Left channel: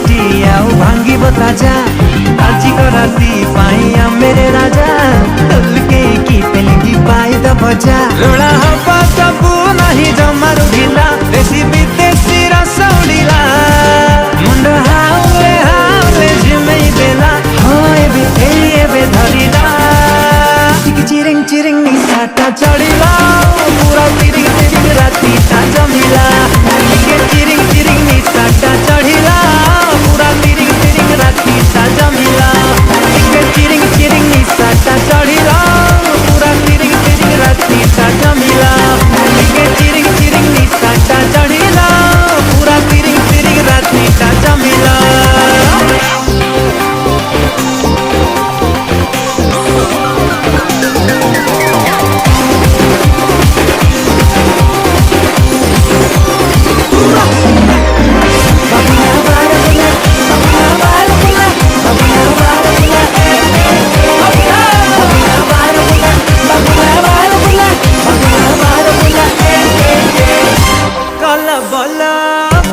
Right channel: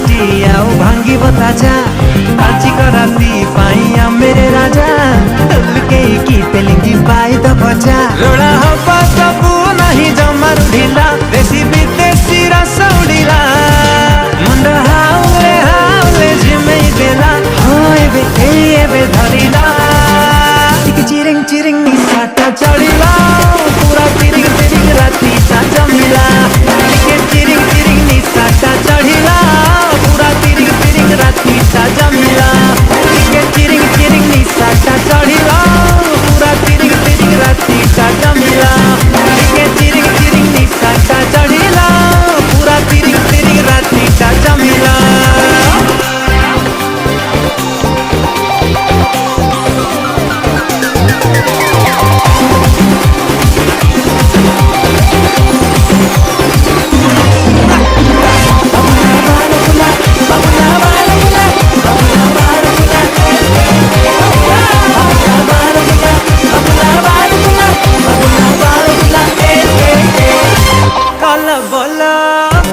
माटी आउ भांगिब ताजा आजिक राती पाइया मेरे राजा तुलके की तेलिंगी पाई द भजा रोड़ा हवा सबू नहीं जमारू ढिला देसी विदेशी रस उड़िला मुंड हाउले झिमेई देला हो एबे धरिला चिरिंग चिरिंग निशाटा चढ़िला पूरा तिरिंग तिरिंग राती ता जमिला चिरिंग चिरिंग निशाटा चढ़िला पूरा तिरिंग तिरिंग राती ता जमिला चिरिंग चिरिंग निशाटा चढ़िला पूरा तिरिंग तिरिंग राती ता जमिला चिरिंग चिरिंग निशाटा चढ़िला पूरा तिरिंग तिरिंग राती ता जमिला बोला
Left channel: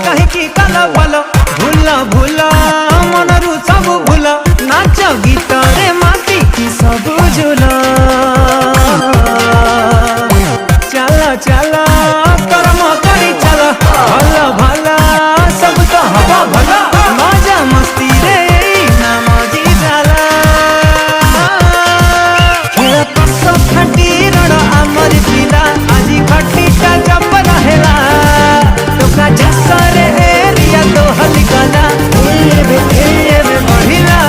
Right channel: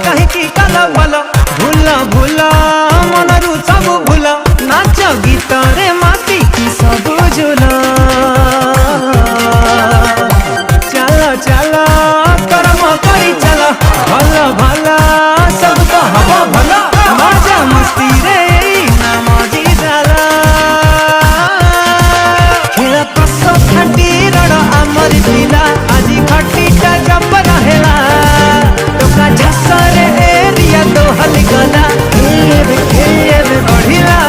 कहीं की कला बोलो भूला भूला मन रु सब भूला नाच गीत रे माटी की सब झूला चला चला कर्म करी चला भला भला सब तो हवा भला मजा मस्ती रे ना मजी जाला खेल कस खाटी रड़ आमरी पिला आजी खटीटा जब रहेला झसरे एरिया तो हलगला एबे बढ़िला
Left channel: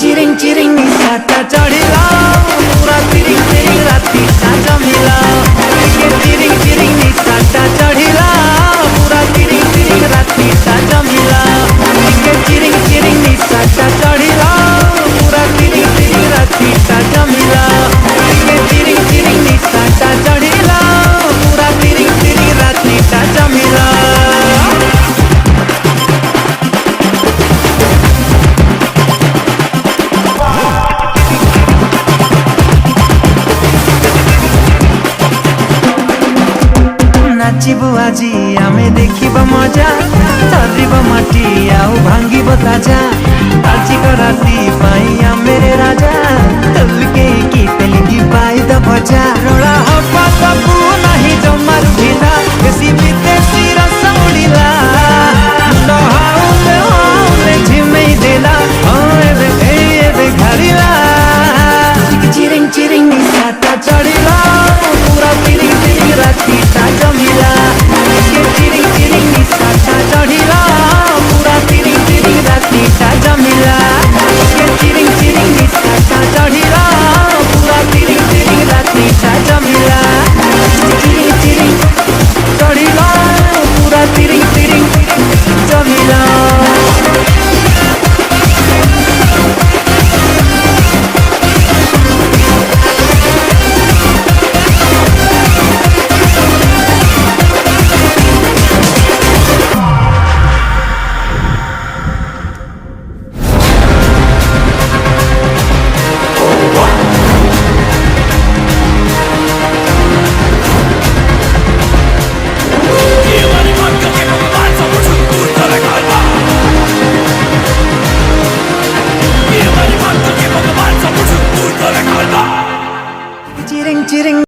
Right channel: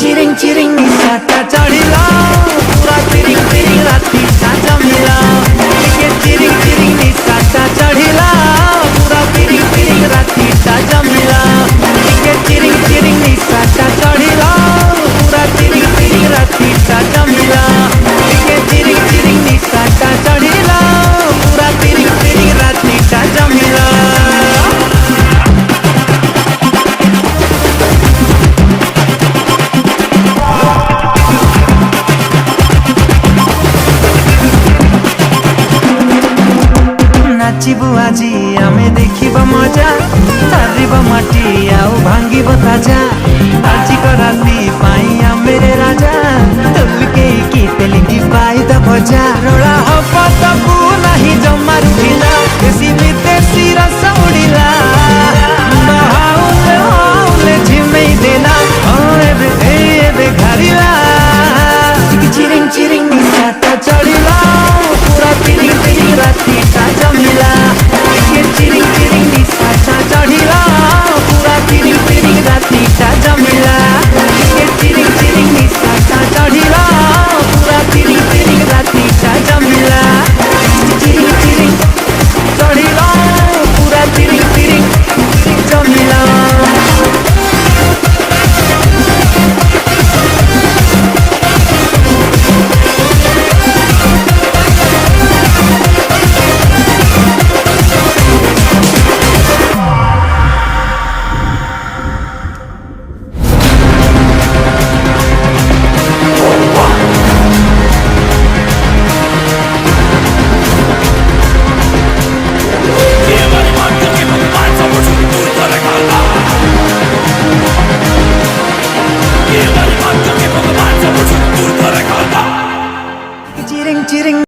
चिरिंग चिरिंग निशाटा चढ़िला पूरा तिरिंग तिरिंग राती ता जमिला चिरिंग चिरिंग निशाटा चढ़िला पूरा तिरिंग तिरिंग राती ता जमिला चिरिंग चिरिंग निशाटा चढ़िला पूरा तिरिंग तिरिंग राती ता जमिला चिरिंग चिरिंग निशाटा चढ़िला पूरा तिरिंग तिरिंग राती ता जमिला नाचिबु आजी आमे देखिब मजा चरिब माटी आउ भांगिब ताजा आजिक राती पाइया मेरे राजा तुलके की तेलिंगी पाई द भजा रोड़ा हवा सबू नहीं जमारू ढिला देसी विदेशी रस उड़िला मुंड हाउले झिमेई देला हो एबे घरिला चिरिंग चिरिंग निशाटा चढ़िला पूरा तिरिंग तिरिंग राती ता जमिला चिरिंग चिरिंग निशाटा चढ़िला पूरा तिरिंग तिरिंग राती ता जमिला चिरिंग चिरिंग निशाटा चढ़िला पूरा तिरिंग तिरिंग राती ता जमिला चिरिंग चिरिंग चढ़िला पूरा तिरिंग तिरिंग जमिला चिरिंग चिरिंग